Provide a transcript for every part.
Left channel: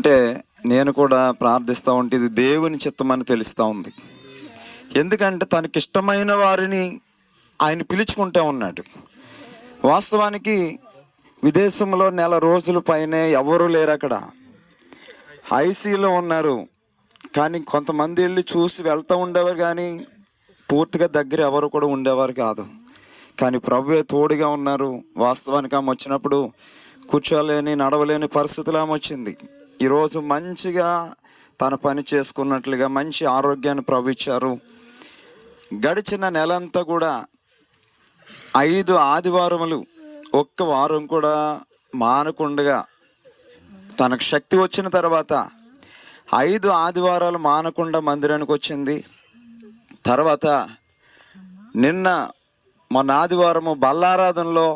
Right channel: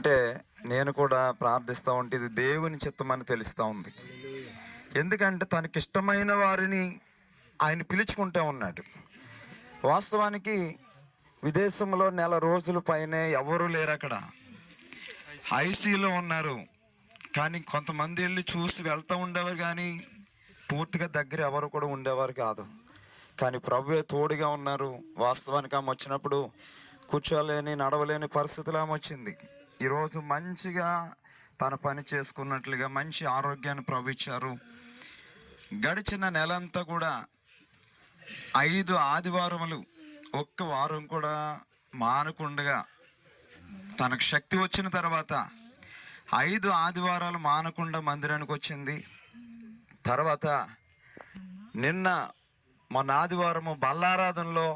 అంటే నేను కూడా ప్రార్థిస్తూ ఉంటే ఇది దేవుని చిత్తమని తెలుస్తూ ఉంది. ఎందుకంటే తనకి ఇష్టమైన వారిని ఆయన పిలుచుకుంటూ ఉన్నాడు. వాస్తవానికి విదేశంలో నెల రోజుల పైనే ఎవరు లేరు అక్కడ. ఐసీలో ఉన్నారు. కానీ కొంతమంది వెళ్ళి చూసి వెళ్తూ ఉండేవారు కానీ పూర్తిగా దగ్గర ఎవరు కూడా ఉండేవారు కాదు. కానీ ప్రభువే తోడుగా ఉన్నారు. వాస్తవానికి ఆమె వచ్చినప్పుడు కూర్చోలేని నడవలేని పరిస్థితులు ఆమె వచ్చింది. ఈరోజు మంచిగా తన పని చేసుకున్నట్లుగా మంచి ఆరోగ్యాన్ని ప్రవహించారు గడిచిన నెలంతా కూడా ఐదు ఆదివారములు ఒక్క వారం కూడా మానకుండగా తనకు శక్తి వచ్చిన తర్వాత ఐదు ఆదివారాలు మానకుండా మందిరానికి వచ్చింది. తర్వాత నిన్న మొన్న ఆదివారము బల్లారాధనలో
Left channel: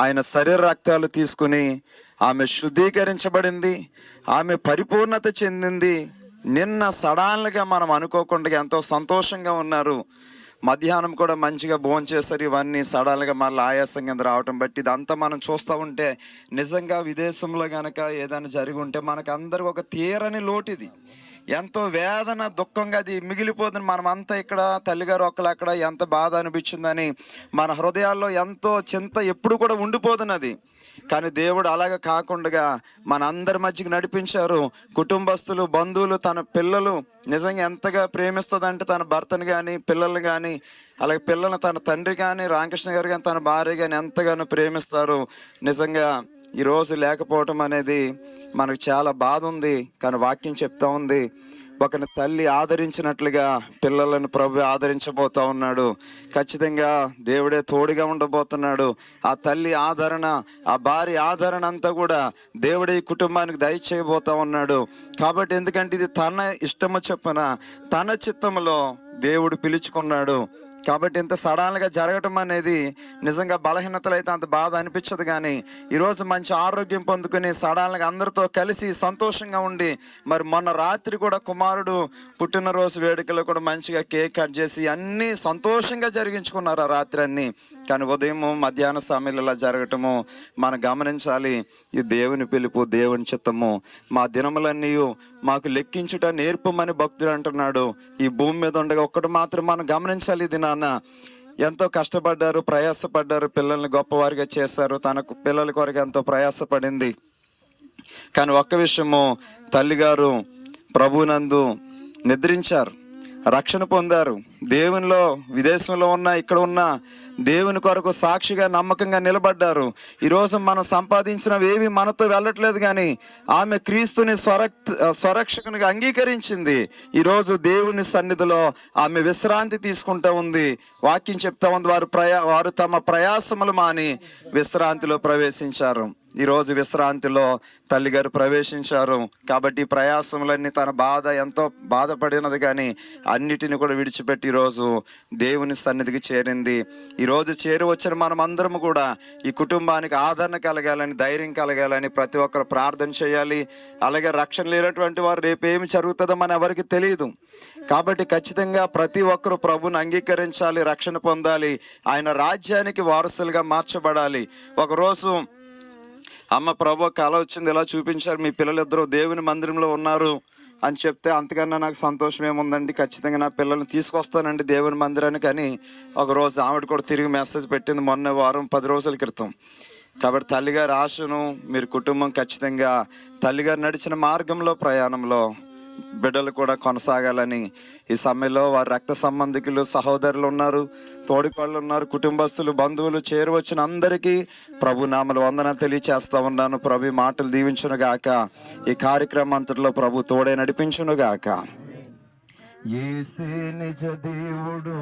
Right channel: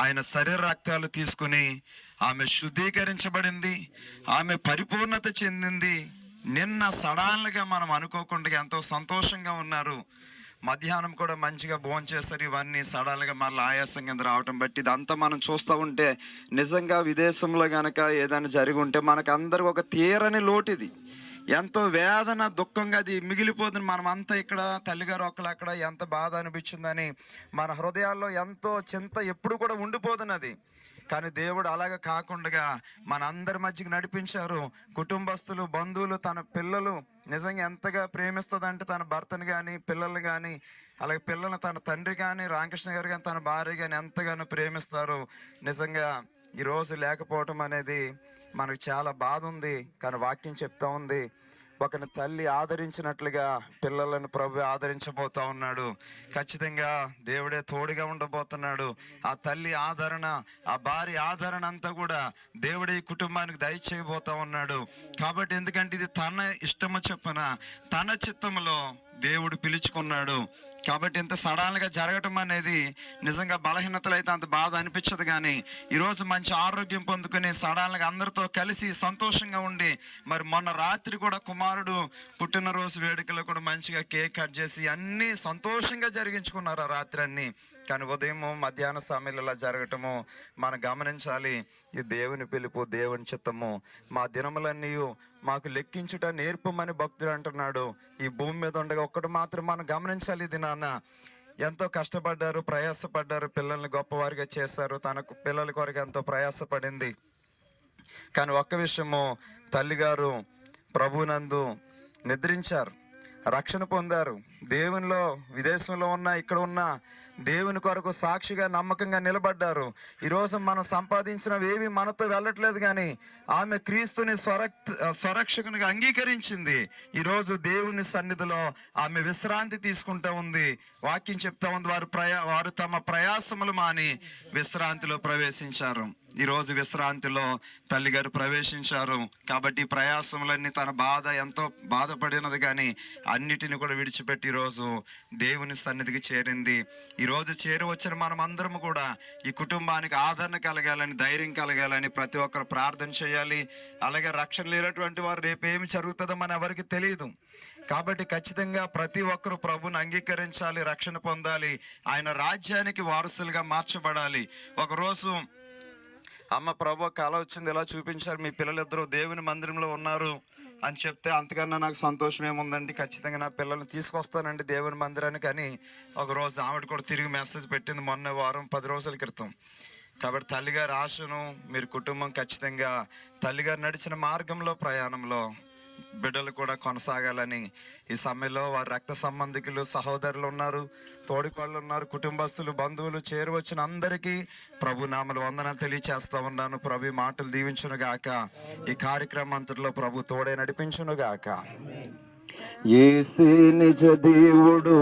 ఆయన శరీర రక్తాలు తీసుకుని ఆమె శుద్ధీకరించబడింది ఆమె పరిపూర్ణత చెందింది. నిన్న సడాన్లుగా మనం అనుకోకుండా ఎంతో సంతోషంగా ఉన్నారు. మధ్యాహ్నం కూడా మంచిగా భోజనం చేస్తారు. ఇవన్నీ సడన్గా మళ్ళీ ఆయాసం కింద రావటం బట్టి ఇదంతా మనం చూస్తూ ఉంటే నిజంగా విదేశంలో కనుక ఏదైనా జరిగి ఉంటే మనకు అందరికి ఒక తీరని లోటు ఇది. ఎంతో వేదన దుఃఖంగా అది మిగిలిపోతుంది. మనం అంతా ఇక్కడ తల్లిగారు ఒక్కలు అక్కడ ఎంత బాధ అనిపించిందని మన హృదయాల్లో ఎంతో చింత ఎప్పుడు కూడా ఉండిపోతున్నది కానీ దేవుడు అలాగ కాకుండా మన అందరి మధ్యకి నడిపించారు. కుటుంబస్తులు బంధువులు తన పిల్లలు నిజంగా ఎంతగా ప్రేమిస్తుందంటే తన భర్తను కానీ పిల్లల్ని కానీ అలాగే పిల్లల్ని తన తండ్రి కానీ రామకృష్ణ గారు కానీ తన భార్య కానీ ఎంతగానో ప్రేమిస్తారు. నిజంగా ఈరోజు లేకపోవటం అనేది మనకు చాలా బాధ ఉంది. కానీ వాక్యం చెప్తా ఉంది. ఒకని తల్లి ఆదరించినట్లుగా పిల్లలను ప్రభు ఆదరించబోతా ఉన్నాడు. ఖచ్చితంగా దేవుడే తోడుగా ఉండబోతున్నాడు. ఆ తల్లి ఆదరణ ఆ భార్య ఆదరణ అంతా కూడా దేవుడే ఈ కుటుంబానికి దయచేయబోతా ఉన్నాడు. కాబట్టి ఎందుకంటే ఇది తన ఇష్టము చెప్పన తన చిత్తములో దేవుడు పిలుచుకున్నాడు. కాబట్టి ఇంత సడన్గా జరగటం అనేది నిజంగా బలహీనతలు అయితే అంత బాధ అనిపించదు కానీ ఈరోజు మంచి ఆరోగ్యం పొందుకుని సడన్గా అందరితో కలిసి సంతోషంగా ఉండి మరి మొన్న రాత్రి కూడా కుమారుడు పుట్టినరోజు వేడుకలో కూడా మంచిగా కేక్ కట్ చేసి అన్నీ సంతోషంగా జరిగించుకున్నారు ఆ రాత్రి అన్నీ. కానీ ఉదయము మధ్యాహ్న సమయంలో ఇలా జరగటము. మనం గమనించాలి ఈ దేవుని పిలుపు దేవుని చిత్తము. మా దినములన్నీ మాకు లెక్కించుట నేర్పమని భక్తుడు అంటున్నాడు. ఈ భూమి మీద ఉండగా ఒక్కటి మాత్రం మనం గమనించాలి ఇది నాన్న. ఎంతో కష్టపడ్డారు ప్రయాసపడ్డారు పిల్లల్ని గొప్పవారిగా చేశారు. తనకు పిల్లల కొరకు ఎంతో ప్రయాసపడింది. కానీ ఒక్క విషయము తల్లిగారు ప్రభునందు నిద్రించారు రక్షణ పొందారు. దేవునిలో విదేశంలో ఉన్న ఇక్కడ ఉన్న దేవుని కొరకు సాక్షిగా నమ్మకంగా నిలబడ్డారు. ఈరోజు మనం సంపాదించినవి ఏవి మనతో వెళ్ళట్లేదు కానీ ఆమె క్రీస్తుని స్వరక్ స్వరక్షకునిగా అంగీకరించింది. ఈరోజు దేవుని సన్నిధిలో ఆమె విశ్రాంతి తీసుకుంటూ ఉంది. వాక్యం చెప్తా ఉంది. వారు ప్రయా వారు తమ ప్రయాసములు మాని విశ్రాంతిలో ప్రవేశించారు. ఈరోజు విశ్రాంతిలో తల్లిగారు ప్రవేశించారు. కాబట్టి ప్రయాసములన్నీ తన బాధ ఎంతో బాధపడినది కానీ అన్నిటిని కూడా విడిచిపెట్టి ఈరోజు దేవుని సన్నిధికి చేరింది. ఈరోజు చేరి వచ్చిన మనం కూడా ఈ కుటుంబానికి ఆదరణ కలగాలని ధైర్యం కలగాలని ప్రతి ఒక్కరు ప్రార్థన చేయాలి. అలాగే రక్షణ లేనటువంటి వారు రేపు ఏమి జరుగుతుందో మన ఎవరికి తెలియదు కాబట్టి ఖచ్చితంగా ప్రతి ఒక్కరు ప్రభుని అంగీకరించాలి రక్షణ పొందాలి. ఆయన రాజ్యానికి వారసులుగా మార్చబడాలి. ఒకరోజు అమ్మ ప్రభు కళ వచ్చింది ఇలా చూపించారు మీ పిల్లలిద్దరూ దేవుని మందిరంలో ఉన్నారు అని చెప్తే అంతకన్నా నాకు సంతోషం ఏముందండి? ఖచ్చితంగా నా పిల్లల్ని తీసుకొస్తానండి దేవుని మందిరానికి అని ఒక రోజు ఆవిడ కూడా తిరిగి మెసేజ్ పెట్టింది మొన్న వారం పది రోజుల క్రితం. కాబట్టి తల్లిగారి ఆశను మీరు కుటుంబం ఖచ్చితంగా తల్లిగారు నడిచిన మార్గంలో ప్రయాణంలో బిడ్డలు కూడా కొనసాగాలని ఈ సమయంలో వారి రక్త సంబంధికులు సహోదరులు ఉన్నారు తోడికోళ్ళు ఉన్నారు కుటుంబస్తులు బంధువులు చేరువచ్చిన అందరికీ ప్రభు నామలు వందన తెలియచేస్తా ఉన్నాను. ప్రభు మాటలు దీవించును గాక. ఈ కార్యక్రమం అంతట్లో ప్రభు తోడే నడిపించును గాక. నిజ దేవుడు